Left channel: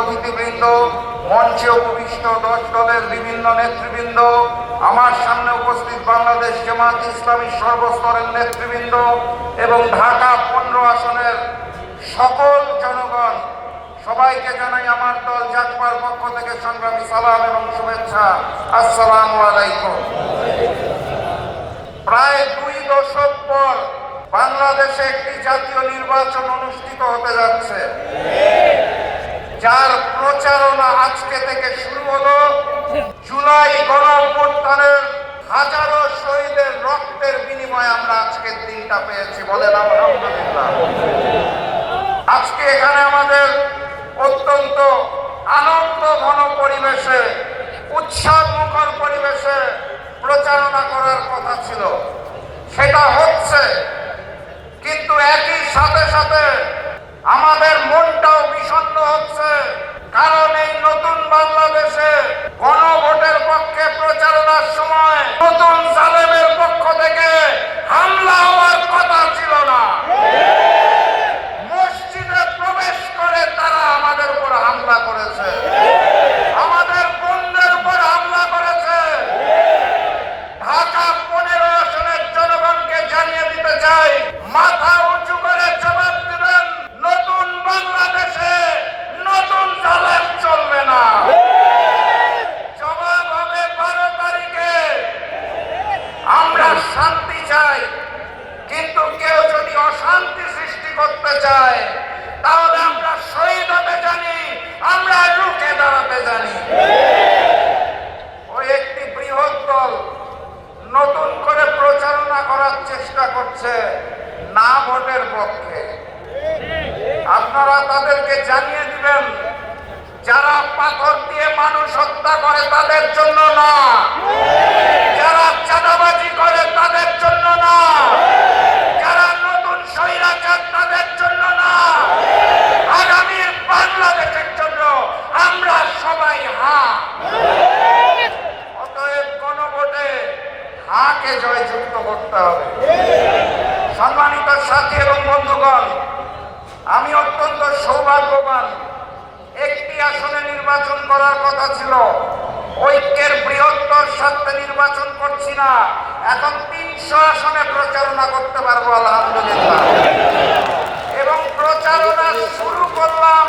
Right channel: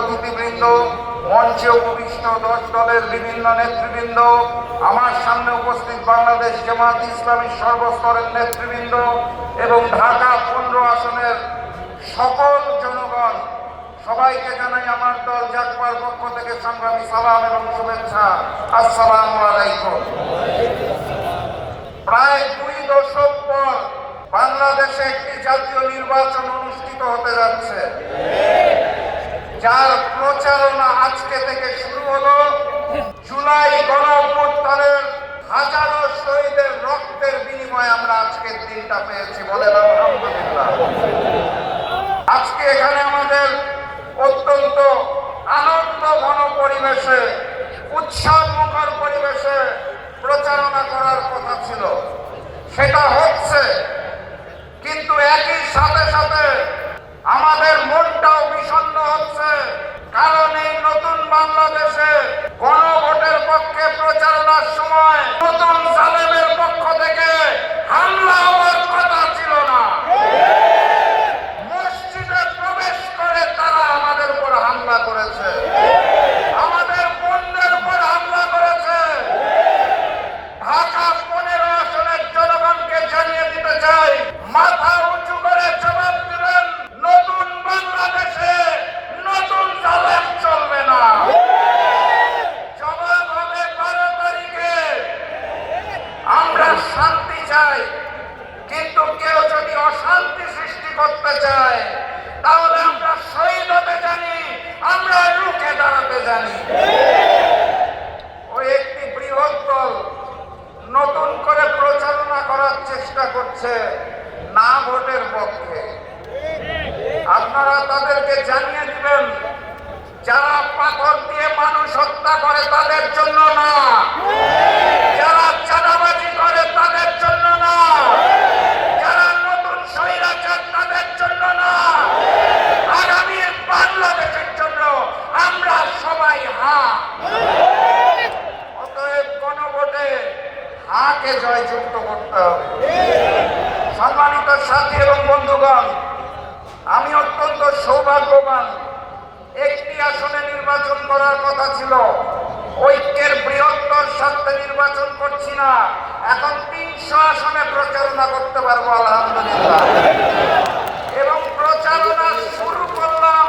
অতিথিবৃন্দ, মঞ্চে উপবিষ্ট দলের বিভিন্ন নেতৃবৃন্দ, আমার সামনে উপস্থিত বাংলাদেশ জামায়াত ইসলামী সর্বস্তরের নেতৃবৃন্দ এবং ঢাকা 15 আসনের সকল জনগণ, সবাইকে জানাই আমার দল জাগবার পক্ষ থেকে সংগ্রামী সালাম এবং শুভেচ্ছা। আসসালামু আলাইকুম। প্রায় 2 দশক পর বাংলাদেশে একটি জাতীয় নির্বাচন অনুষ্ঠিত হতে যাচ্ছে, যার প্রচারণা আজকে থেকে শুরু হলো। জুলাই গণঅভ্যুত্থানের হাজারো শহীদের রক্তের বিনিময়ে আমরা আজকের দিনটা পেয়েছি, বলেন আলহামদুলিল্লাহ। আজকে এখানে আমাদের অত্যন্ত আনন্দ ঘন পরিবেশে, উৎসবমুখর পরিবেশে প্রচারণা করার কথা ছিল, সেটা হচ্ছে। কিন্তু একই সাথে সাথে আমাদের মনটাও বিষণ্ণ হচ্ছে, কারণ এই নতুন বাংলাদেশে গণভোটের পক্ষে প্রচারণার সময় নতুন জালেমের পক্ষ থেকে হামলা হওয়ার কথা ছিল না। মসজিদে প্রবেশ করে তারা আমাদের উপর হামলা করেছে, আমাদের বন্ধের উপর হামলা করেছে। ঢাকা 15 আসনের জনগণকে জানিয়ে দিতে চাই, মাথা উঁচু করে জবাব দেবেন। নতুন বাংলাদেশে নতুন জালেম চলবে না। জবাব হবে 12 তারিখে। আমরা শান্তি চাই, কিন্তু কেউ যদি অশান্তি সৃষ্টি করতে চায় তাহলে আমরা শহীদ হতে জানি, আমরা রুখে দাঁড়াতে জানি। ওই একটি বৃহৎ দল নতুন করে প্রচারণা করার চেষ্টা করছে না ভোটের পক্ষে। আপনারা তাদেরকে জানিয়ে দিবেন, যারা পাথর দিয়ে মানুষ হত্যা করে তাদের জন্য না, যারা চাঁদাবাজি করে তাদের জন্য না, যারা নতুন স্বৈরাচার তাদের জন্য না, আগামী বাংলাদেশের জন্য আমরা সবাই হ্যাঁ। অতএব গণভোটে হাকে জয়যুক্ত করতে হবে। সম্মানিত সাথী এবং বন্ধুগণ, আমি অত্যন্ত সৌভাগ্যবান। একটি আসনে নির্বাচন করার কথা ছিল, ঐক্যের বৃহত্তর স্বার্থে নির্বাচন করছি না, এখন 300 আসনে প্রচারণা করতে পারবো আলহামদুলিল্লাহ। এবং প্রচারণা শুরু করলাম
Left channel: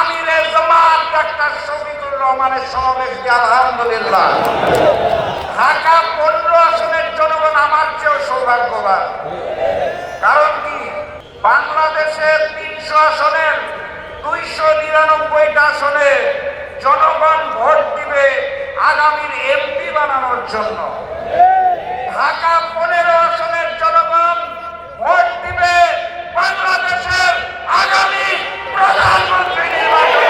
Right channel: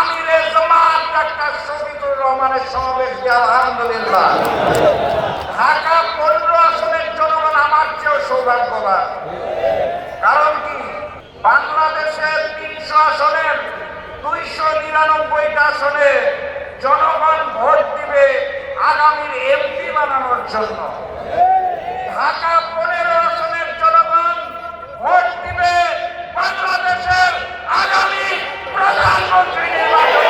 আমিরের জামাত ডাক্তার শফিকুর রহমানের সমাবেশ দিয়ে আলহামদুলিল্লাহ। ঢাকা 15 আসনের জনগণ আমার চেয়েও সৌভাগ্যবান। কারণ কি, বাংলাদেশের 300 আসনের 299টা আসনে জনগণ ভোট দিবে আগামীর এমপি বানানোর জন্য। ঢাকা 15 আসনের জনগণ ভোট দিবে বাংলাদেশের আগামী প্রধানমন্ত্রী নির্বাচন।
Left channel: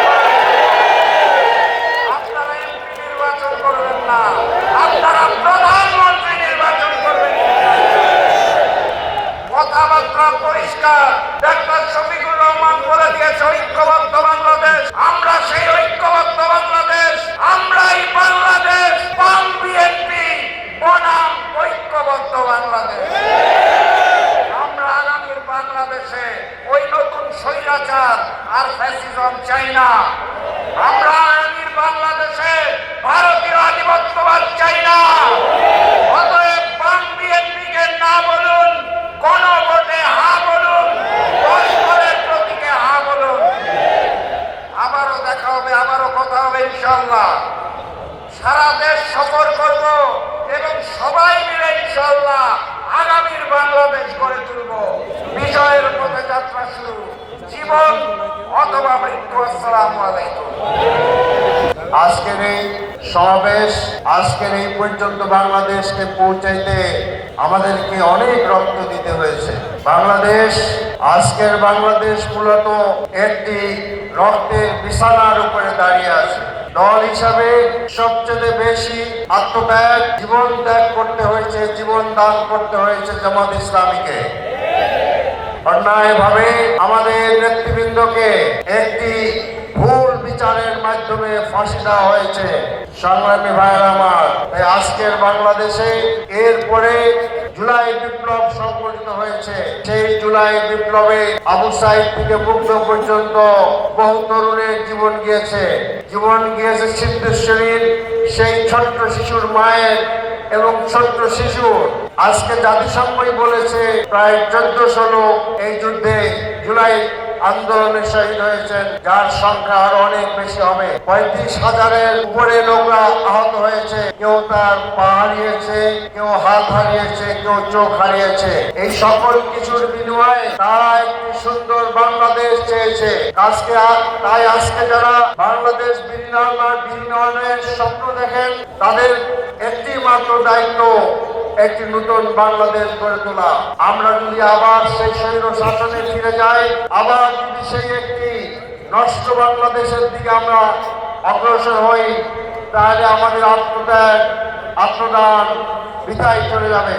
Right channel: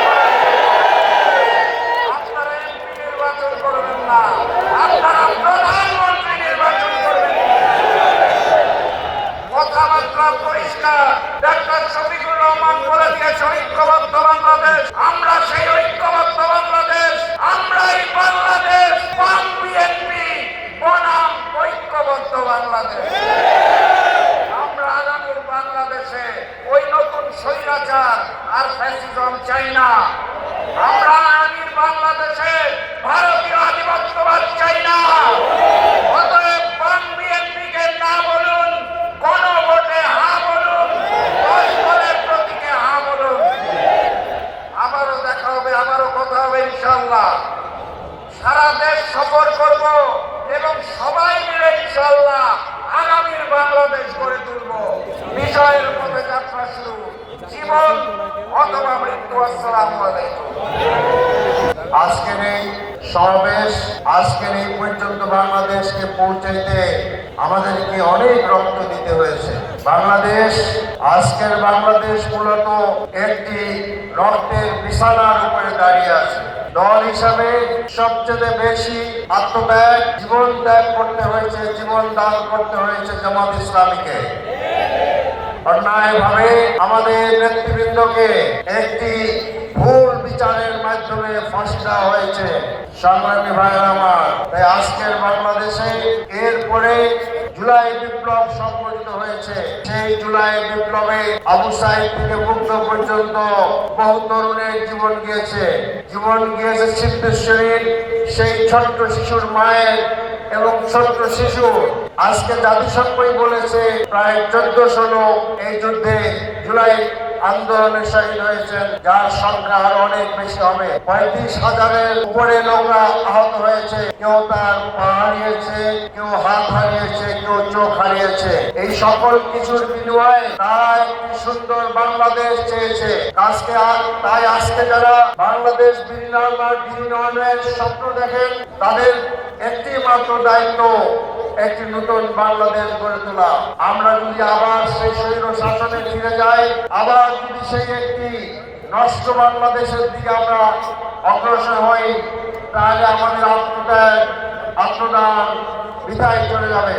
আপনারা এমপি নির্বাচন করবেন না, আপনারা প্রধানমন্ত্রী নির্বাচন করবেন। কথাবার্তা পরিষ্কার। ডাক্তার শফিকুর রহমান বলে দিয়েছে ঐক্যবদ্ধ বাংলাদেশ। আমরা সেই ঐক্যবদ্ধ বাংলাদেশ, আমরাই বাংলাদেশ। বাম বিএনপি বনাম ঐক্যবদ্ধ বাংলাদেশ। আমরা আগামীর বাংলাদেশে ওই নতুন স্বৈরাচার আর ফ্যাসিজম চাই না। আমরা আগামীর বাংলাদেশে ভারতীয় আধিপত্যবাদ চাই না। অতএব বাম বিএনপিকে না বলুন, গণভোটে হা বলুন, পরস্পরের প্রতীকে হা বলুন। আবারও দেখা হবে, আবারও কথা হবে ইনশাআল্লাহ। সারা দেশ সফর করব এবং সবাই মিলে ইনশাআল্লাহ আগামীর বাংলাদেশ গড়ে তুলব। বিজয়ের পথে যাত্রা শুরু, জীবন অথবা মৃত্যু। আসসালামু আলাইকুম। আজকের এই সমাবেশ, আজকের এই পর্যন্ত বাংলাদেশকে পৌঁছাইতে আমাদেরকে অনেক রক্ত দিতে হয়েছে। বাংলাদেশ, আজকের বাংলাদেশ মূলত একটি রক্তের বিছানার উপরে দাঁড়িয়ে আছে। দল হিসাবে সবচেয়ে বেশি আত্মত্যাগ, জীবন ত্যাগ করতে হয়েছে, জীবন দান করতে হয়েছে জামাত ইসলামীকে। অন্যায়ভাবে আমাদের নেতৃবৃন্দকে একটি ভুল বিচারের মাধ্যমে ফাঁসি দেওয়া হয়েছে। সংগ্রামী ভাইয়ের আমার, আজকের বাংলাদেশে এরপরে জুলাই বিপ্লব সংগঠিত হয়েছে। হয়েছে। সেই জুলাই বিপ্লবে আবু সাইদ থেকে মুগ্ধ পর্যন্ত বহু তরুণের জীবন গিয়েছে সিদ্ধেশ্বরীর সেই ছোট্ট শিশুর মায়ের এবং ছোট্ট শিশু। আজকে জাতিসংঘই বলেছে প্রায় 1400 লোক এই যুদ্ধে জুলাই আন্দোলনে শহীদ হয়েছেন, যার সংখ্যা আরো অনেক বেশি হবে। 35,000-এর উপরে লোকরা আহত হয়েছে, কেউ তার পা হারিয়েছে, কেউ হাত হারিয়েছে, কেউ চোখ হারিয়েছে। এই সকল কিছুর বিনিময়ে তারা একটি সুন্দর বাংলাদেশ চেয়েছে। তাই আজকে যারা বাংলাদেশ বিনির্মাণের স্বপ্ন দেখেন, তাদের একটি মাত্র দায়িত্ব একটি নতুন বাংলাদেশ গড়ে তোলা। আমরা যদি আবার সেই স্বৈর শাসনে ফিরে যাই, আবার যদি সেই একটি নষ্ট বাংলাদেশের দিকে আমরা অগ্রসর হই, তাহলে আমাদের আত্মদান বৃথায় চলে যাবে।